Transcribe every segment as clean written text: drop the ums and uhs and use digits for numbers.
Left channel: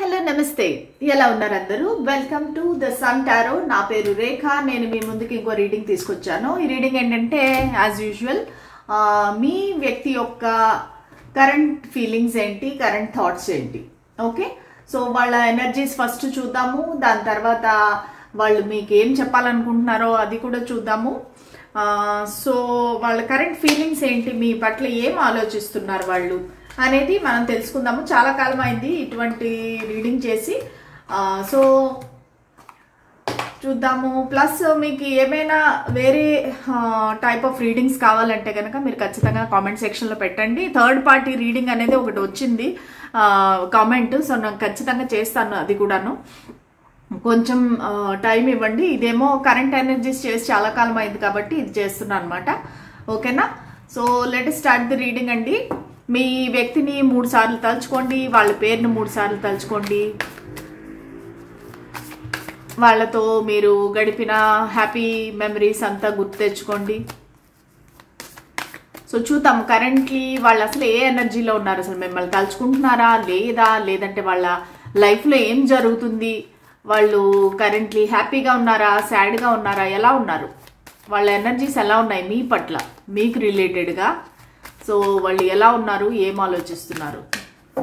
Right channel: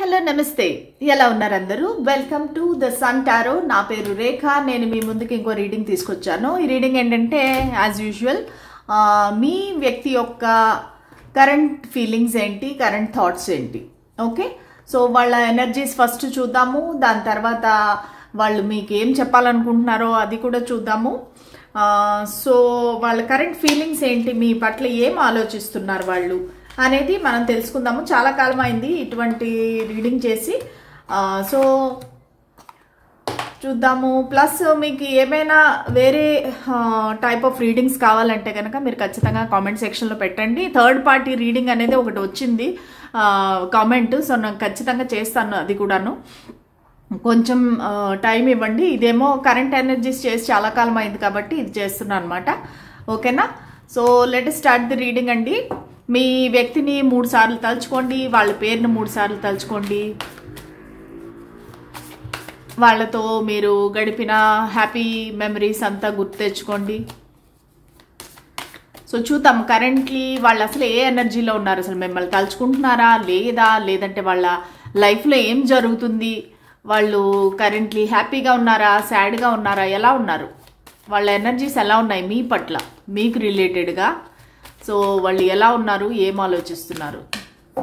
Hello నమస్తే ఎలా ఉన్నారు అందరూ welcome to the sun tarot నా పేరు రేఖ నేను మీ ముందుకి ఇంకో రీడింగ్ తీసుకొచ్చాను ఈ రీడింగ్ ఏంటంటే యాజ్ యూజువల్ మీ వ్యక్తి యొక్క కరెంట్ ఫీలింగ్స్ ఏంటి కరెంట్ థాట్స్ ఏంటి ఓకే సో వాళ్ళ ఎనర్జీస్ ఫస్ట్ చూద్దాము దాని తర్వాత వాళ్ళు మీకు ఏం చెప్పాలనుకుంటున్నారో అది కూడా చూద్దాము సో వాళ్ళ కరెంట్ ఫీలింగ్స్ ఏంటి మీ పట్ల ఏం ఆలోచిస్తున్నారు వాళ్ళు అనేది మనం తెలుసుకుందాము చాలా కాలం అయింది ఇటువంటి రీడింగ్ చేసి సో చూద్దాము ప్లస్ మీకు ఏమైనా వేరే టైప్ ఆఫ్ రీడింగ్స్ కావాలంటే కనుక మీరు ఖచ్చితంగా కామెంట్ సెక్షన్లో పెట్టండి థర్డ్ పార్టీ రీడింగ్ అనేది ఒకటి వచ్చింది కామెంట్ సో నేను ఖచ్చితంగా చేస్తాను అది కూడాను కొంచెం టైం ఇవ్వండి ఇదేమో కరెంట్ ఎనర్జీస్ చేసి చాలా కాలం అయింది కాబట్టి ఇది చేస్తున్నాను అనమాట ఓకేనా so let start the reading అండి మీ వ్యక్తిని 3 సార్లు తలుచుకోండి వాళ్ళ పేరును 3 సార్లు తలుచుకోండి వాళ్ళతో మీరు గడిపిన హ్యాపీ మెమరీస్ అంతా గుర్తు తెచ్చుకోండి సో చూద్దాం కరెంట్లీ వాళ్ళు అసలు ఏ ఎనర్జీలో ఉన్నారు అసలు మిమ్మల్ని తలుచుకుంటున్నారా లేదంటే వాళ్ళ లైఫ్లో ఏం జరుగుతుంది వాళ్ళు కరెంట్లీ హ్యాపీగా ఉన్నారా సాడ్గా ఉన్నారా ఎలా ఉన్నారు వాళ్ళ ఎనర్జీస్ ఎలా ఉన్నాయి మీ పట్ల మీకు రిలేటెడ్గా సో వాళ్ళు ఎలా ఉన్నారు ఏం ఆలోచిస్తున్నారు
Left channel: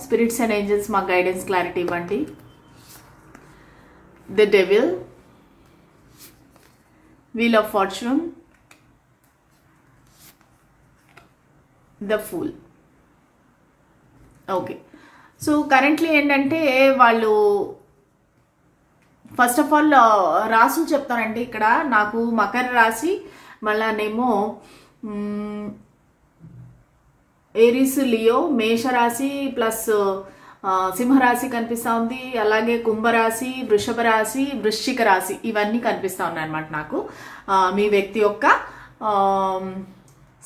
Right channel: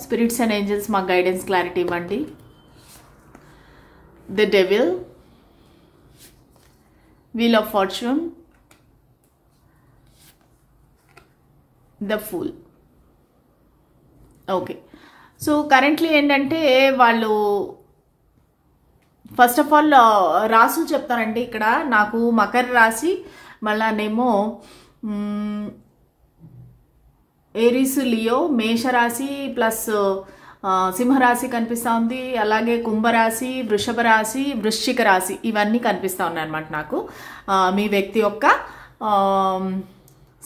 స్పిరిట్స్ అండ్ ఏంజల్స్ మా గైడెన్స్ క్లారిటీ ఇవ్వండి the devil wheel of fortune the fool okay so currently ఏంటంటే వాళ్ళు ఫస్ట్ ఆఫ్ ఆల్ రాసులు చెప్తానండి ఇక్కడ నాకు మకర రాశి మళ్ళానేమో ఏరీస్ లియో మేషరాశి ప్లస్ సింహరాశి కనిపిస్తూ ఉంది అలాగే కుంభరాశి వృషభ రాశి వృశ్చిక రాశి ఇవన్నీ కనిపిస్తూ ఉన్నాయి అన్నమాట నాకు మీ వ్యక్తి యొక్క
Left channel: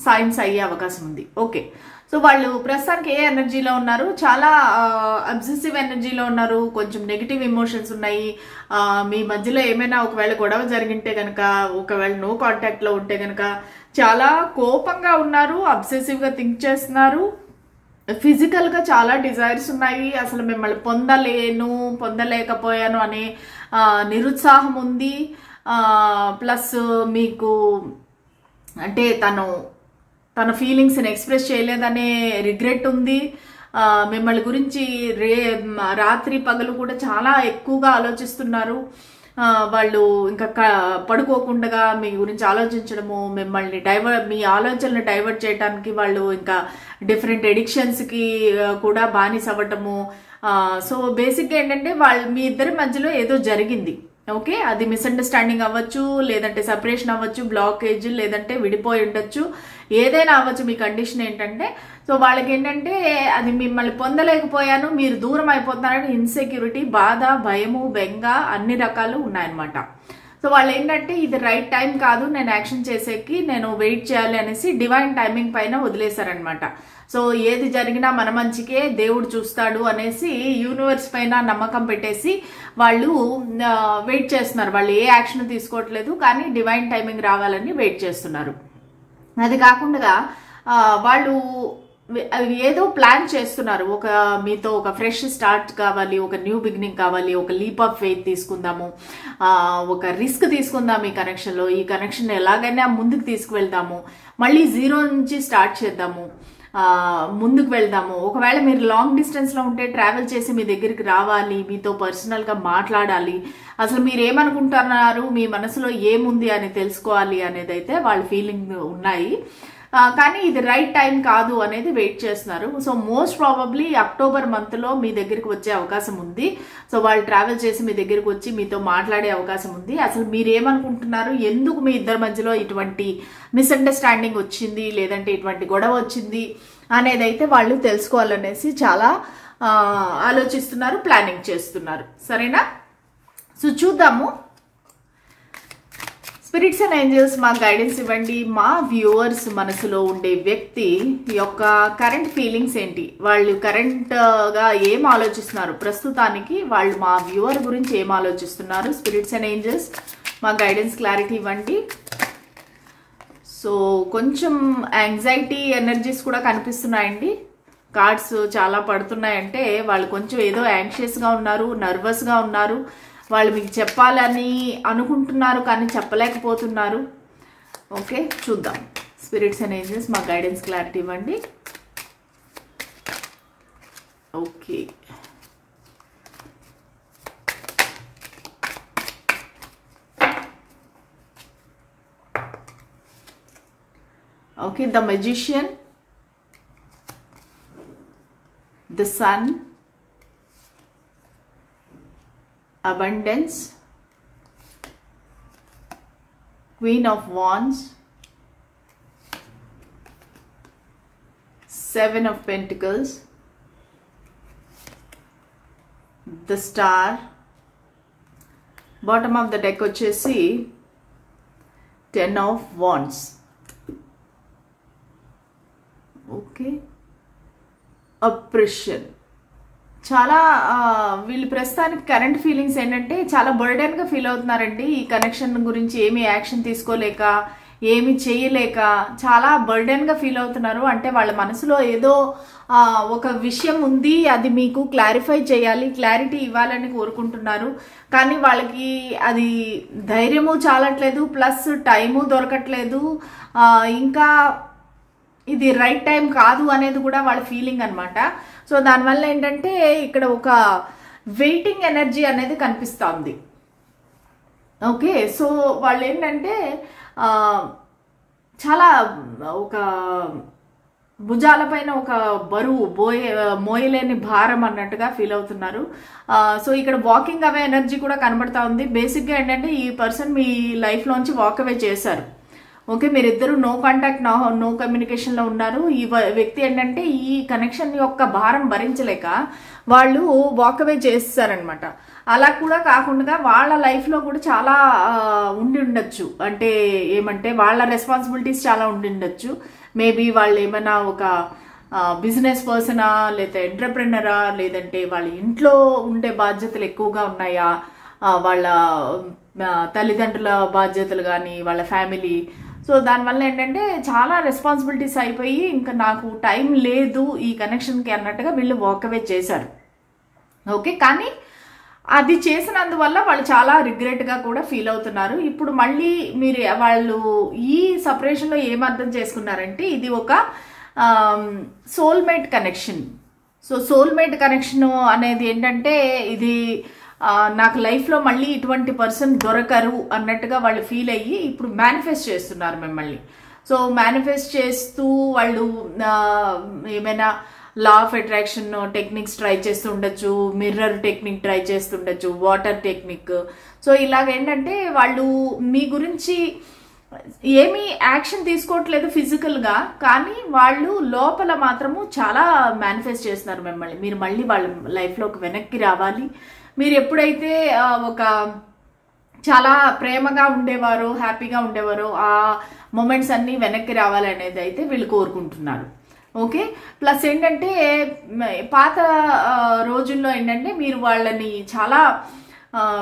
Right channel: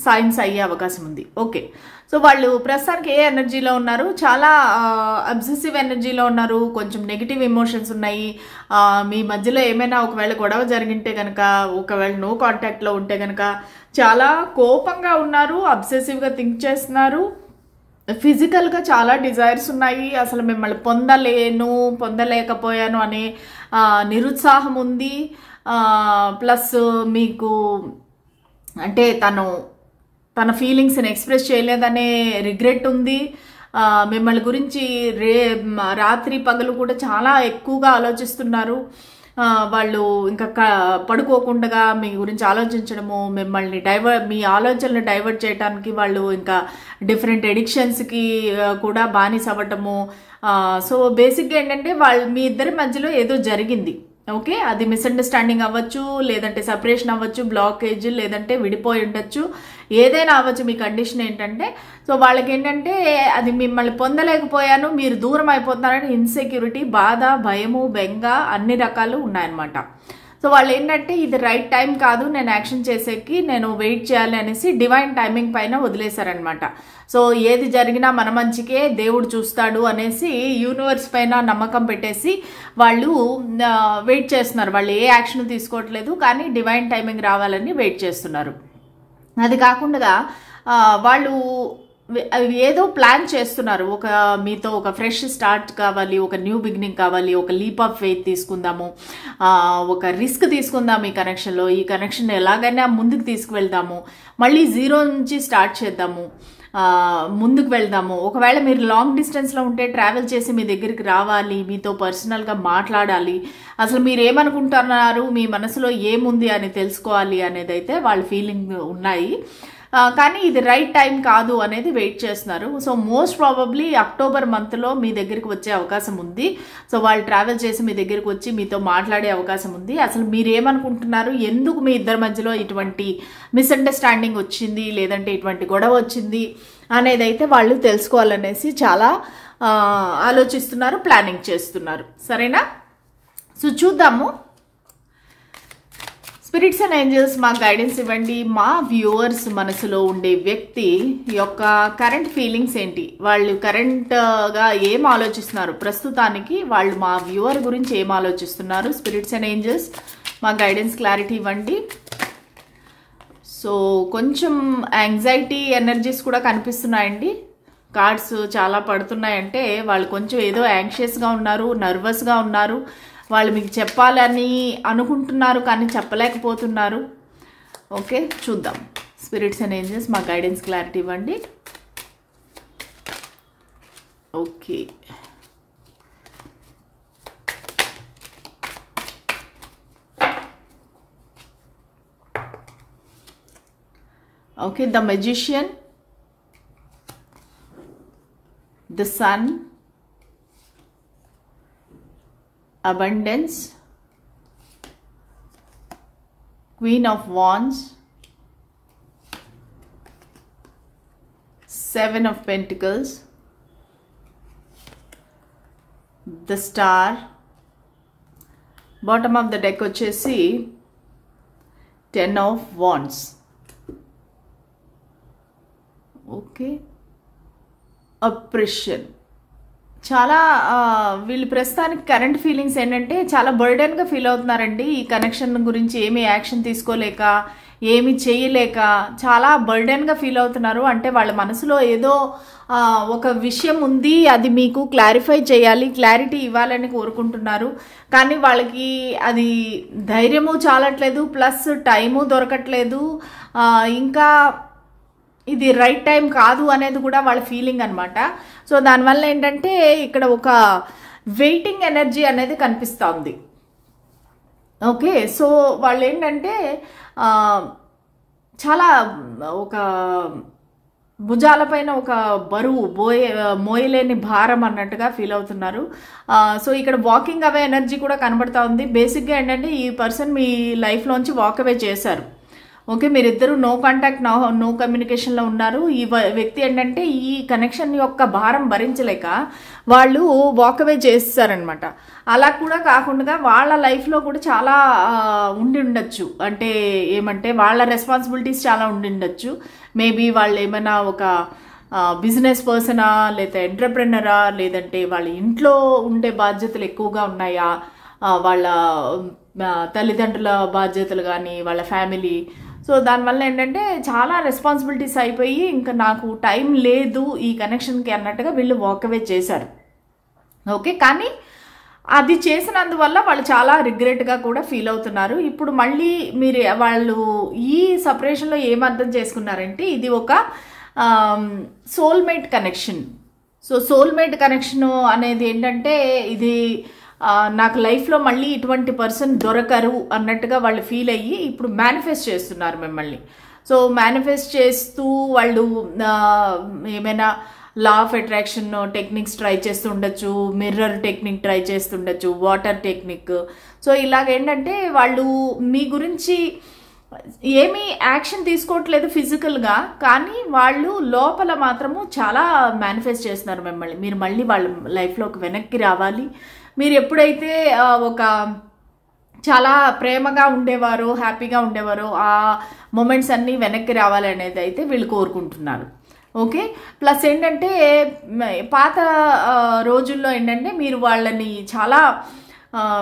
సైన్స్ అయ్యే అవకాశం ఉంది ఓకే సో వాళ్ళు ప్రస్తుతానికి ఏ ఎనర్జీలో ఉన్నారు చాలా అబ్సెసివ్ ఎనర్జీలో ఉన్నారు కొంచెం నెగిటివ్ ఎమోషన్స్ ఉన్నాయి మీ మధ్యలో ఏమైనా ఒకవేళ గొడవ జరిగింటే కనుక ఒకవేళ నో కాంటాక్ట్లో ఉంటే కనుక చాలా కోపంగా ఉన్నారు అబ్సెసివ్గా థింక్ చేస్తున్నారు ఫిజికల్గా చాలా డిజైర్స్ ఉన్నాయి అసలు మిమ్మల్ని పొందలేకపోయాను అనే నిరుత్సాహం ఉంది ప్లస్ మీకు అంటే తన ఫీలింగ్స్ని ఎక్స్ప్రెస్ చేయలేదనే రిగ్రెట్ ఉంది మిమ్మల్ని గురించి రాత్రి పగలు కూడా చాలా ఎక్కువగా ఆలోచిస్తున్నారు వాళ్ళు ఇంకా పడుకోకుండా మీ గురించి ఆలోచించడము మిమ్మల్ని మీ ఆలోచనలు డైవర్ట్ చేయడానికి వాళ్ళు ఇంకా డిఫరెంట్ ఎడిక్షన్స్కి కూడా బానిస అవ్వటము సో బేసిక్గా ఏంటంటే మీ ఇద్దరి మధ్యలో ఏదో జరిగింది ఓకే అది మిస్అండర్స్టాండింగ్ అవ్వచ్చు లేదంటే సపరేషన్ అవ్వచ్చు బ్లాకేజ్ లేదంటే విడిపోయి ఉండొచ్చు ఏదైనా అవ్వచ్చు మీ కండిషన్ ఏంటంటే సో వాళ్ళకి ఏంటంటే అది మిమ్మల్ని పొందలేకపోయాను మీరు దూరం అయిపోతున్నారని ఇన్సెక్యూరిటీ బాధ భయము బెంగ అన్ని రకాలు ఉన్నాయన్నమాట సో వాళ్ళు ఏంటంటే ఇది రైట్ టైం కాదు నేను యాక్షన్ చేసేకి నేను వెయిట్ చేయాలి అనేసి డివైన్ టైమింగ్ పైన వదిలేశారనమాట సో ఏది జరిగినా మన మంచికే దేవుడు చూస్తాడు అనేసి యూనివర్స్ పైన నమ్మకం పెట్టేసి వాళ్ళు వెయిట్ చేస్తున్నారు వాళ్ళు ఏ యాక్షన్ తీసుకోవట్లేదు కానీ డివైన్ టైమింగ్ రావాలని వెయిట్ చేస్తున్నారు అది కాకుండా వాళ్ళు ఏదో ప్లాన్ చేస్తున్నారు మీతో ఒక ఫ్రెష్ స్టార్ట్ కావాలి ఒక న్యూ బిగినింగ్ కావాలి ఒక లీప్ ఆఫ్ ఫెయిత్ తీసుకుందాము ఒక రిస్క్ తీసుకుందాం ఈ కనెక్షన్లో ఈ కనెక్షన్ ఎలాగైనా ముందుకు తీసుకువెళ్దాము మళ్ళీ జీరో నుంచి స్టార్ట్ చేద్దాము ముందుకు వెళ్దాము ఒకవేళ మీరు లాంగ్ డిస్టెన్స్లో ఉంటే ట్రావెల్ చేసి మీ దగ్గరికి రావాలి మీతో పర్సనల్గా మాట్లాడాలి అసలు మీరు ఏమనుకుంటున్నారు మీ మనసులో ఏముంది అని తెలుసుకోవాలి అనేది అయితే వాళ్ళ ఫీలింగ్ ఉన్నాయి కానీ ఇది రైట్ టైం కాదు అనేది వెయిట్ చేస్తున్నారు సో మోస్ట్ ప్రాబబ్లీ అక్టోబర్ మంత్లో మీ దగ్గరికి వచ్చే అవకాశం ఉంది సో వాళ్ళు ట్రావెల్ చేసి మీ దగ్గరికి వచ్చి మీతో మాట్లాడే అవకాశం ఉంది అసలు మీరు ఏమనుకుంటున్నారు ఎందుకు మీ ఇద్దరి మధ్యలో ఇటువంటి మిస్అండర్స్టాండింగ్ వచ్చింది లేదంటే ఇటువంటి గొడవ వచ్చింది అనేది అయితే వాళ్ళు తెలుసుకోవాలనేసి చాలా ఆలోచిస్తున్నారు ప్లానింగ్ చేస్తున్నారు సరేనా సో చూద్దాము స్పిరిట్స్ అండ్ ఏంజల్స్ మా గైడెన్స్ ఇవ్వండి మా వ్యూవర్స్ మనసులో ఉండే వ్యక్తి యొక్క కరెంట్ ఫీలింగ్స్ ఏంటి వాళ్ళు కరెంట్గా ఏం ఆలోచిస్తున్నారు ప్రస్తుతానికి వాళ్ళు మా వ్యూవర్ గురించి ఏం ఆలోచిస్తున్నారు స్పిరిట్స్ అండ్ ఏంజల్స్ మా గైడెన్స్ క్లారిటీ ఇవ్వండి సో కొంచెం యాంగ్జైటీ ఎనర్జీస్ కూడా కనిపిస్తున్నాయండి కార్డ్స్ చాలా పడుతున్నాయంటే వాళ్ళు కొంచెం ఏదో యాంగ్షియస్గా ఉన్నారు, నర్వస్గా ఉన్నారు. వాళ్ళు మీకు చెప్పాలని అనుకుంటున్నారు కానీ చెప్పలేకపోతున్నారు. ఓకే, చూద్దాం. స్పిరిట్స్ అండ్ ఏంజెస్ మా గైడెన్స్ క్లారిటీ ఇవ్వండి. Okay, okay, the magician, the sun, abundance, queen of wands, 7 of pentacles, the star, bottom of the deck వచ్చేసి 10 of wands. Okay, oppression. చాలా వీళ్ళు ప్రస్తుతానికి కరెంట్ ఫీలింగ్స్ ఏంటంటే చాలా బర్డెన్గా ఫీల్ అవుతున్నారండి. ఈ కనెక్షన్ గురించి ఏమి యాక్షన్ తీసుకోలేక, ఏమి చేయలేక చాలా బర్డెన్గా ఫీల్ అవుతున్నారు. అంటే వాళ్ళ మనసులో ఏదో ఒక విషయం ఉంది, అది మీకు క్లారిఫై చేయాలి, క్లారిటీ ఇవ్వాలని కోరుకుంటున్నారు. కానీ వాళ్ళకి అది ధైర్యము చాలట్లేదు, ప్లస్ టైము దొరకట్లేదు. ఇంకా ఇది రైట్ టైం కాదు అనేది కూడా వాళ్ళ ఫీలింగ్ అనమాట. సో దానివల్ల ఏంటంటే ఇక్కడ ఒక వెయిటింగ్ ఎనర్జీ అనేది కనిపిస్తోంది. ఓకే, సో వాళ్ళు ఏంటంటే చాలా ఒక భుజాలపైన ఒక బరువు మోయలేని భారం అన్నట్టుగా ఫీల్ అవుతున్నారు. సో ఇక్కడ వాకింగ్ అవే ఎనర్జీ కూడా కనబడతా ఉంది. బేసిక్గా ఏంటంటే ఈ పర్సన్ మీ లైఫ్లోంచి వాక్ అవే చేశారు. ఓకే, మీరిద్దరు నో కాంటాక్ట్, నో కమ్యూనికేషన్లో ఉన్నారు. ఈ వ్యక్తి ఏంటంటే ఈ కనెక్షన్ యొక్క భారం భరించలేక వాళ్ళు వాక్ అవే చేస్తారనమాట. అలా కూడా కాకుండా వాళ్ళ లైఫ్లో కూడా చాలా ఉండి ఉండొచ్చు. అంటే ఏమంటే వాళ్ళ రెస్పాన్సిబిలిటీస్ చాలా ఉండి ఉండొచ్చు. మేబీ వాళ్ళు ఏమైనా ఒక బిజినెస్ పర్సనా, లేదా ఎంటర్ప్రెనరా, లేదంటే వాళ్ళ ఇంట్లో ఉండే బాధ్యతలు ఎక్కువగా ఉన్నాయా, వాళ్ళ తల్లిదండ్రుల బాధ్యతలు కానీ, వాళ్ళ ఫ్యామిలీ. సో దానివల్ల ఏంటంటే చాలా రెస్పాన్సిబిలిటీస్ అయిపోయి ఇంకా నాకు టైం లేదు ఈ కనెక్షన్కి అన్నట్టుగా వీళ్ళు వాకవే చేశారు. ఓకే, కానీ అది చేసినందువల్ల వాళ్ళు చాలా రిగ్రెట్గా కూడా ఫీల్ అవుతున్నారు. ఇప్పుడు మళ్ళీ మీరు వాళ్ళు ఈ సపరేషన్లో ఏమర్థం చేసుకున్నారంటే ఇది ఒక soulmate connection. So soulmate connection అనేది ఏంటంటే ఇది నాకు లైఫ్లో మళ్ళీ ఇటువంటి పర్సన్ దొరకరు అన్నట్టుగా వాళ్ళు ఫీల్ అయ్యి ఇప్పుడు మేనిఫెస్ట్ చేస్తున్నారు మిమ్మల్ని. సో మేనిఫెస్ట్ చేస్తూ వాళ్ళు ఏమైనా law of attraction techniques try చేస్తుండొచ్చు, మిర్రర్ టెక్నిక్ ట్రై చేస్తుండొచ్చు, వాటర్ టెక్నిక్. సో ఇలాగేంటంటే వాళ్ళు మీ గురించి ఏమీ యాక్షన్ తీసుకోవట్లేదు ఫిజికల్గా, కానీ వాళ్ళు లోపల మాత్రము చాలా మేనిఫెస్ట్ చేస్తున్నారు మిమ్మల్ని. మీరు మళ్ళీ వాళ్ళ లైఫ్లోకి వెనక్కి రావాలి. మీరు ఎప్పుడైతే ఒక చాలా ప్రేమగా ఉండేవారో, హ్యాపీగా ఉండేవారో ఆ మూమెంట్స్ అన్నీ వెనక్కి రావాలి అనేది అయితే వీళ్ళు కోరుకుంటున్నారు. ఓకే, ప్లస్ ఏంటంటే పాత రోజుల్లో ఏంటంటే మీరు వాళ్ళని చాలా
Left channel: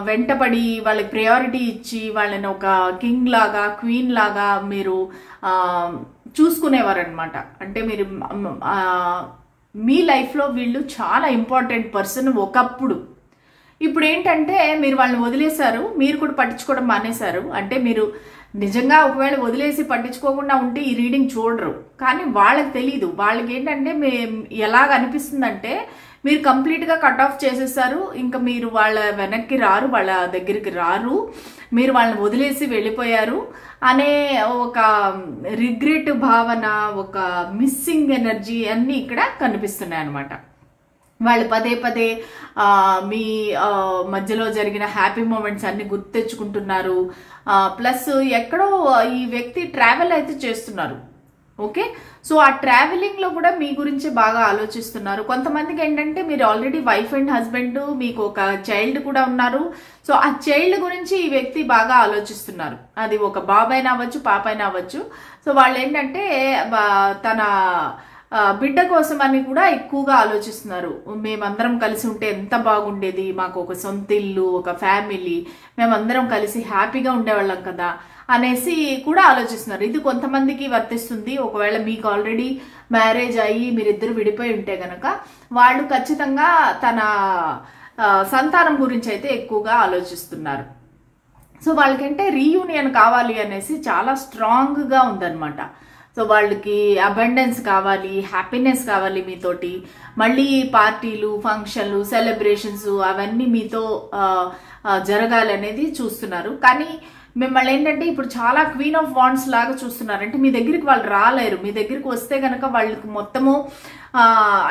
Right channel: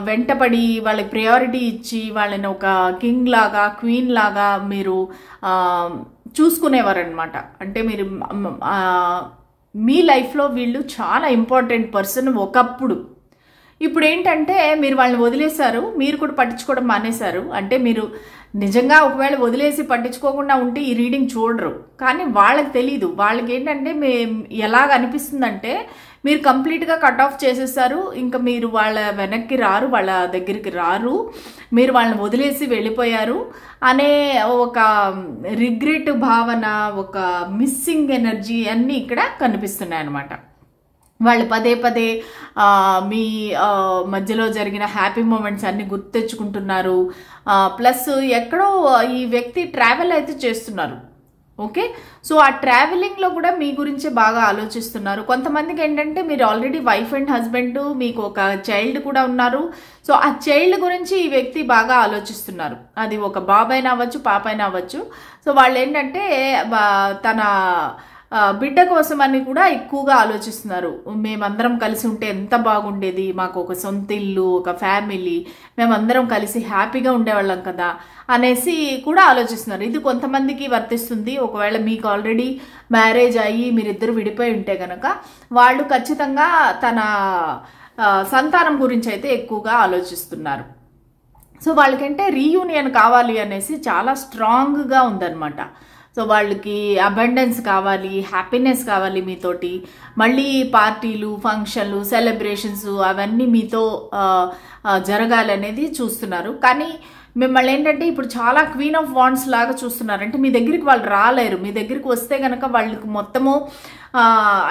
వెంటపడి వాళ్ళకి ప్రయారిటీ ఇచ్చి వాళ్ళని ఒక కింగ్ లాగా, క్వీన్ లాగా మీరు చూసుకునేవారు అనమాట. అంటే మీరు మీ లైఫ్లో వీళ్ళు చాలా ఇంపార్టెంట్ పర్సన్ ఒకప్పుడు. ఇప్పుడు ఏంటంటే మీరు వాళ్ళని వదిలేశారు, మీరు కూడా పట్టించుకోవడం మానేశారు. అంటే మీరు నిజంగా ఒకవేళ వదిలేసి పట్టించుకోకుండా ఉంటే ఈ రీడింగ్ చూడరు, కానీ వాళ్ళకి తెలీదు. వాళ్ళకి ఏంటంటే ఎలాగ అనిపిస్తుందంటే మీరు కంప్లీట్గా కట్ ఆఫ్ చేసేసారు, ఇంకా మీరు వాళ్ళ వెనక్కి రారు, వాళ్ళ దగ్గరికి రారు, మీరు వాళ్ళని వదిలేసి వెళ్ళిపోయారు అనే ఒక రిగ్రెట్ భావన, ఒక మిస్సింగ్ ఎనర్జీ అన్నీ ఇక్కడ కనిపిస్తున్నాయి అన్నమాట. వాళ్ళు పదే పదే మీ మధ్యలో జరిగిన హ్యాపీ మూమెంట్స్ అన్ని గుర్తు తెచ్చుకుంటున్నారు. ప్లస్ ఎక్కడో ఈ వ్యక్తి ట్రావెల్ అయితే చేస్తున్నారు. ఓకే, సో ఆ ట్రావెలింగ్లో కూడా మీ గురించి బాగా ఆలోచిస్తున్నారు. కొంతమందికి ఏంటంటే మీరు ఆల్రెడీ వైఫ్ అండ్ హస్బెండ్, మీకు ఒక చైల్డ్ కూడా ఉన్నారు. సో ఆ చైల్డ్ గురించి ఈ వ్యక్తి బాగా ఆలోచిస్తున్నారు. అది ఒక బాబైనా అవ్వచ్చు, పాపైనా అవ్వచ్చు. సో వాళ్ళు ఏంటంటే తన బిడ్డ కోసం అని కూడా ఎక్కువగా ఆలోచిస్తున్నారు. మేమందరం కలిసి ఉంటే ఎంత బాగుండేది, మాకు ఒక సొంత ఇల్లు, ఒక ఫ్యామిలీ, మేమందరం కలిసి హ్యాపీగా ఉండేవాళ్ళం కదా అనేసి కూడా ఆలోచిస్తున్నారు. ఇది కొంతమందికి వర్తిస్తుంది. ఒకవేళ మీకు ఆల్రెడీ మ్యారేజ్ అయ్యి మీరిద్దరు విడిపోయి ఉంటే గనక వాళ్ళు ఖచ్చితంగా తన సంతానం గురించి అయితే ఎక్కువగా ఆలోచిస్తున్నారు. సో వాళ్ళకంటే రీయూనియన్ కావాలి అనేసి చాలా స్ట్రాంగ్గా ఉందన్నమాట. సో వాళ్ళకి అబండెన్స్ కావాలి, హ్యాపీనెస్ కావాలి మీతోటి, మళ్ళీ పార్టీలు, ఫంక్షన్లు, సెలబ్రేషన్స్ అవన్నీ మీతో జరగాలి అనేది చూస్తున్నారు. కానీ మిమ్మల్ని ఏంటంటే ఇప్పుడు చాలా క్వీన్ ఆఫ్ వాండ్స్ లాగా చూస్తున్నారు. అంటే మీ దగ్గరికి వాళ్ళు రాలేరు. మీ దగ్గరికి వస్తే గనక వాళ్ళకి మొత్తము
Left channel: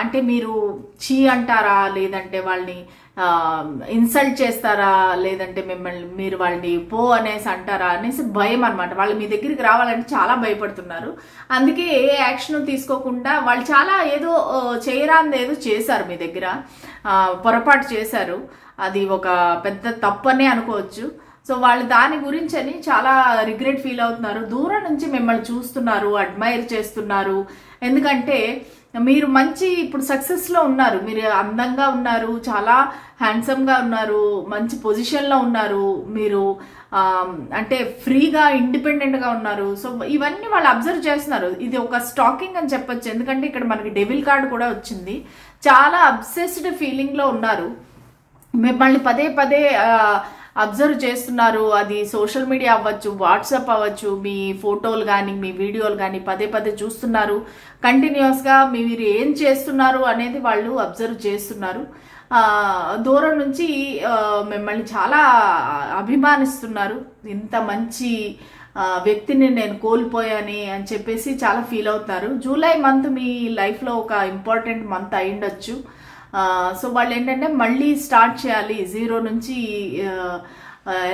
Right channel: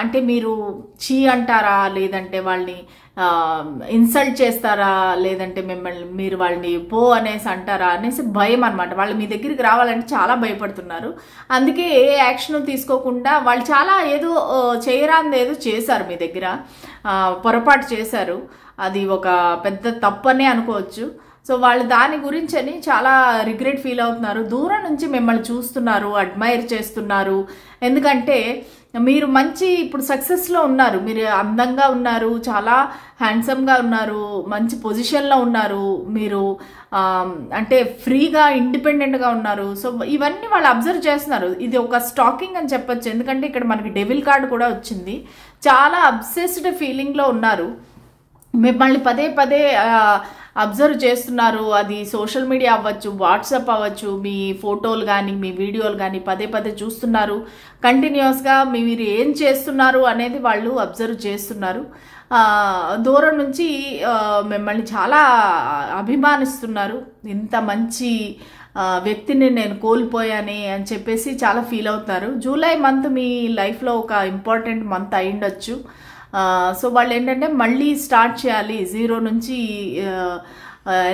అంటే మీరు చీ అంటారా, లేదంటే వాళ్ళని ఇన్సల్ట్ చేస్తారా, లేదంటే మీరు వాళ్ళని పో అనేసి అంటారా అనేసి భయం అనమాట. వాళ్ళు మీ దగ్గరికి రావాలంటే చాలా భయపడుతున్నారు. అందుకే ఏ యాక్షన్ తీసుకోకుండా వాళ్ళు చాలా ఏదో చేయరాంది ఏదో చేశారు మీ దగ్గర, పొరపాటు చేశారు. అది ఒక పెద్ద తప్పనే అనుకోవచ్చు. సో వాళ్ళు దాని గురించి అని చాలా రిగ్రెట్ ఫీల్ అవుతున్నారు. దూరం నుంచి మిమ్మల్ని చూస్తున్నారు, అడ్మైర్ చేస్తున్నారు. ఎందుకంటే మీరు మంచి ఇప్పుడు సక్సెస్లో ఉన్నారు, మీరు అందంగా ఉన్నారు, చాలా హ్యాండ్సమ్గా ఉన్నారు, మంచి పొజిషన్లో ఉన్నారు, మీరు అంటే ఫ్రీగా ఇండిపెండెంట్గా ఉన్నారు. సో ఇవన్నీ వాళ్ళు అబ్జర్వ్ చేస్తున్నారు. ఇది ఒక స్టాకింగ్ అని చెప్పొచ్చు. ఎందుకంటే ఇక్కడ మనకి డెవిల్ కార్డు కూడా వచ్చింది. చాలా అబ్సెస్డ్ ఫీలింగ్లో ఉన్నారు. మిమ్మల్ని పదే పదే అబ్జర్వ్ చేస్తున్నారు. అది సోషల్ మీడియా అవ్వచ్చు, వాట్సాప్ అవ్వచ్చు, మీ ఫోటోలు కానీ మీ వీడియోలు కానీ పదే పదే చూస్తున్నారు. కంటిన్యూస్గా మీరు ఏం చేస్తున్నారు అనేది వాళ్ళు అబ్జర్వ్ చేస్తున్నారు. దూరం నుంచి మిమ్మల్ని చాలా అభిమానిస్తున్నారు. ఇంత మంచి వ్యక్తిని నేను కోల్పోయాని అని చెప్పేసి చాలా ఫీల్ అవుతున్నారు. జూలై మంత్ మీ లైఫ్లో ఒక ఇంపార్టెంట్ మంత్ అయ్యుండొచ్చు. సో వాళ్ళు ఏంటంటే మళ్ళీ స్టార్ట్ చేయాలి జీరో నుంచి.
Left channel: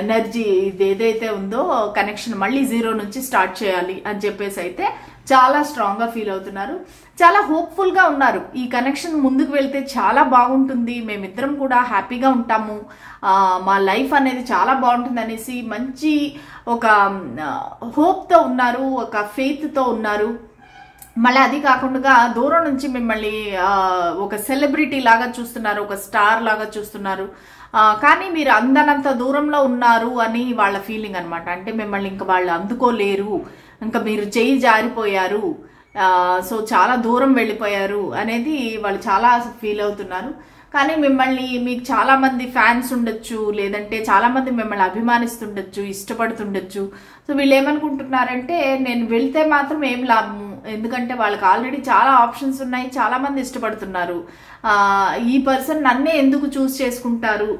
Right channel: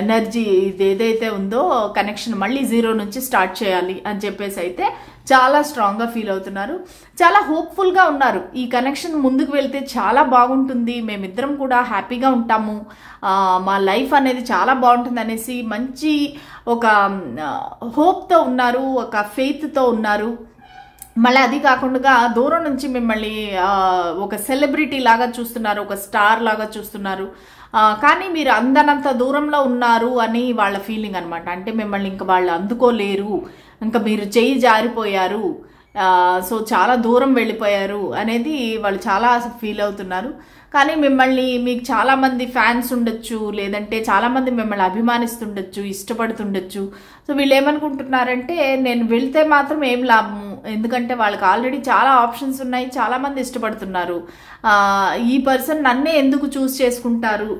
ఎనర్జీ ఇది ఏదైతే ఉందో కనెక్షన్ మళ్ళీ జీరో నుంచి స్టార్ట్ చేయాలి అని చెప్పేసి అయితే చాలా స్ట్రాంగ్గా ఫీల్ అవుతున్నారు. చాలా హోప్ఫుల్గా ఉన్నారు. ఈ కనెక్షన్ ముందుకు వెళ్తే చాలా బాగుంటుంది, మేమిద్దరం కూడా హ్యాపీగా ఉంటాము, మా లైఫ్ అనేది చాలా బాగుంటుంది అనేసి మంచి ఒక హోప్తో ఉన్నారు, ఒక ఫెయిత్తో ఉన్నారు. మళ్ళీ అది కాకుండా దూరం నుంచి మిమ్మల్ని ఒక సెలబ్రిటీ లాగా చూస్తున్నారు, ఒక స్టార్ లాగా చూస్తున్నారు. కానీ మీరు అందనంత దూరంలో ఉన్నారు అని వాళ్ళ ఫీలింగ్ అనమాట. అంటే మిమ్మల్ని ఇంకా వాళ్ళు అందుకోలేరు, ఇంకా మీరు చేయి జారిపోయారు, సో చాలా దూరం వెళ్ళిపోయారు అనేది వాళ్ళు చాలా ఫీల్ అవుతున్నారు. కానీ మీకు చాలా మంది ఫ్యాన్స్ ఉండొచ్చు, లేదంటే చాలా మంది మిమ్మల్ని అభిమానిస్తుండొచ్చు, ఇష్టపడుతుండొచ్చు. సో వీళ్ళు ఏమనుకుంటున్నారంటే నేను వెళ్తే మాత్రం ఏం లాభము, ఎందుకంటే వాళ్ళకి ఆల్రెడీ చాలా ఆప్షన్స్ ఉన్నాయి, చాలా మంది ఇష్టపడుతున్నారు, ఈ పర్సన్ నన్నే ఎందుకు చూస్ చేసుకుంటారు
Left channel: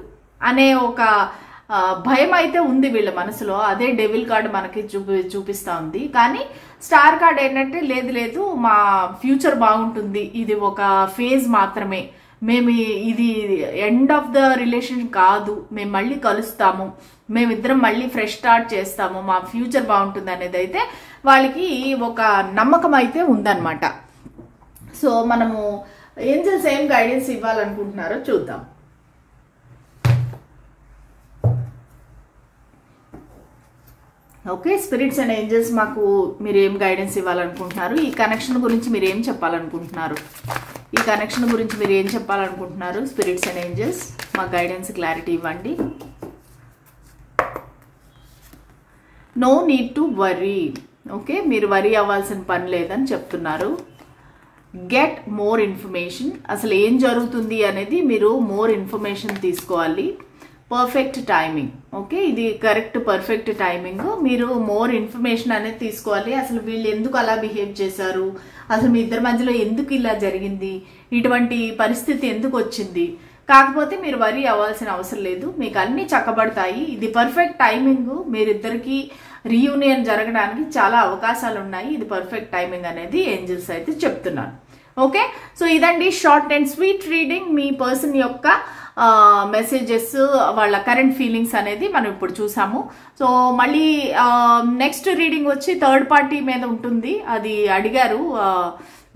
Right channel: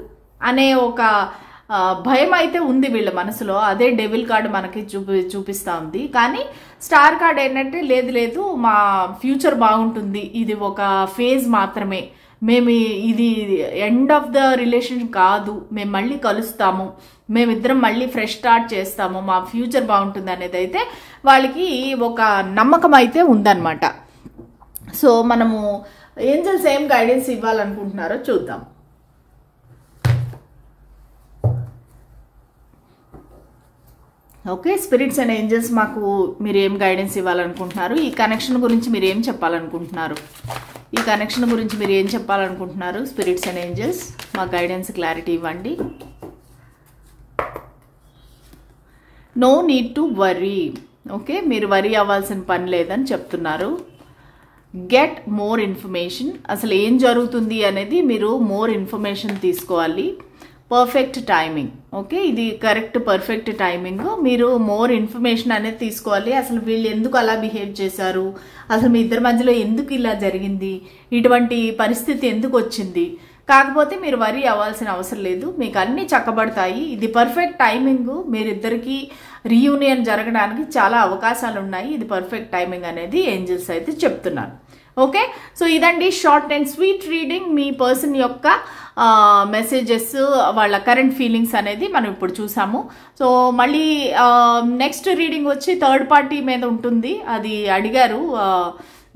అనే ఒక భయం అయితే ఉంది వీళ్ళ మనసులో. అదే డెవిల్ కార్డు మనకి చూపిస్తా ఉంది. కానీ స్టార్ కార్డ్ ఏంటంటే లేదు మా ఫ్యూచర్ బాగుంటుంది, ఇది ఒక ఫేజ్ మాత్రమే, మేము ఇది ఎండ్ ఆఫ్ ద రిలేషన్ కాదు, మేము మళ్ళీ కలుస్తాము, మేమిద్దరం మళ్ళీ ఫ్రెష్ స్టార్ట్ చేస్తాము, మా ఫ్యూచర్ బాగుంటుంది అనేది అయితే వాళ్ళకి ఒక నమ్మకం అయితే ఉందన్నమాట. సో మనము ఏంజల్స్ ఏం గైడెన్స్ ఇవ్వాలనుకుంటున్నారో చూద్దాం. ఓకే, స్పిరిట్స్ అండ్ ఏంజల్స్ మాకు మీరు ఏం గైడెన్స్ ఇవ్వాలనుకుంటున్నారు, ఈ కనెక్షన్ గురించి మీరు ఏం చెప్పాలనుకుంటున్నారు, ఈ కనెక్షన్ గురించి మీరు ఏం చెప్పాలనుకుంటున్నారు, స్పిరిట్స్ అండ్ ఏంజల్స్ మాకు గైడెన్స్ క్లారిటీ ఇవ్వండి. No need to worry. Okay, మీరు వరీ అవ్వాల్సిన పని లేదని చెప్తున్నారు. Get more information. అసలు ఏం జరుగుతుంది అనేది మీరు మోర్ ఇన్ఫర్మేషన్ తీసుకోవాలి. Perfect timing. ఓకే, ఇది కరెక్ట్ పర్ఫెక్ట్ టైమింగ్. మీరు మోర్ ఇన్ఫర్మేషన్ అనేది తీసుకోవాలి. అసలు వీళ్ళు ఎందుకు అలా బిహేవ్ చేశారు, అసలు మీ ఇద్దరి మధ్యలో ఎందుకు ఇలా జరిగింది, ఇటువంటి పరిస్థితి ఎందుకు వచ్చింది. కాకపోతే మీరు వరీ అవ్వాల్సిన అవసరం లేదు, మీకు అన్ని చక్కబడతాయి. ఇది పర్ఫెక్ట్ టైమింగ్. మీరిద్దరికి రీయూనియన్ జరగడానికి చాలా అవకాశాలు ఉన్నాయి. ఇది పర్ఫెక్ట్ టైమింగ్ అనేది ఏంజల్స్ అయితే చెప్తున్నారు. ఓకే, సో ఇదండి షార్ట్ అండ్ స్వీట్ రీడింగ్. మీ పర్సన్ యొక్క మెసేజెస్, వాళ్ళ కరెంట్ ఫీలింగ్స్ అనేది మనం ఇప్పుడు చూసాము. సో మళ్ళీ నెక్స్ట్ రీడింగ్ వచ్చి థర్డ్ పార్టీ మీద ఉంటుంది, అది అడిగారు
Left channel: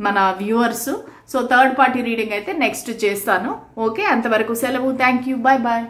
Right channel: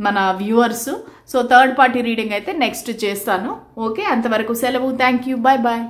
మన viewers. So third party reading అయితే నెక్స్ట్ చేస్తాను. ఓకే, అంతవరకు సెలవు. Thank you, bye bye.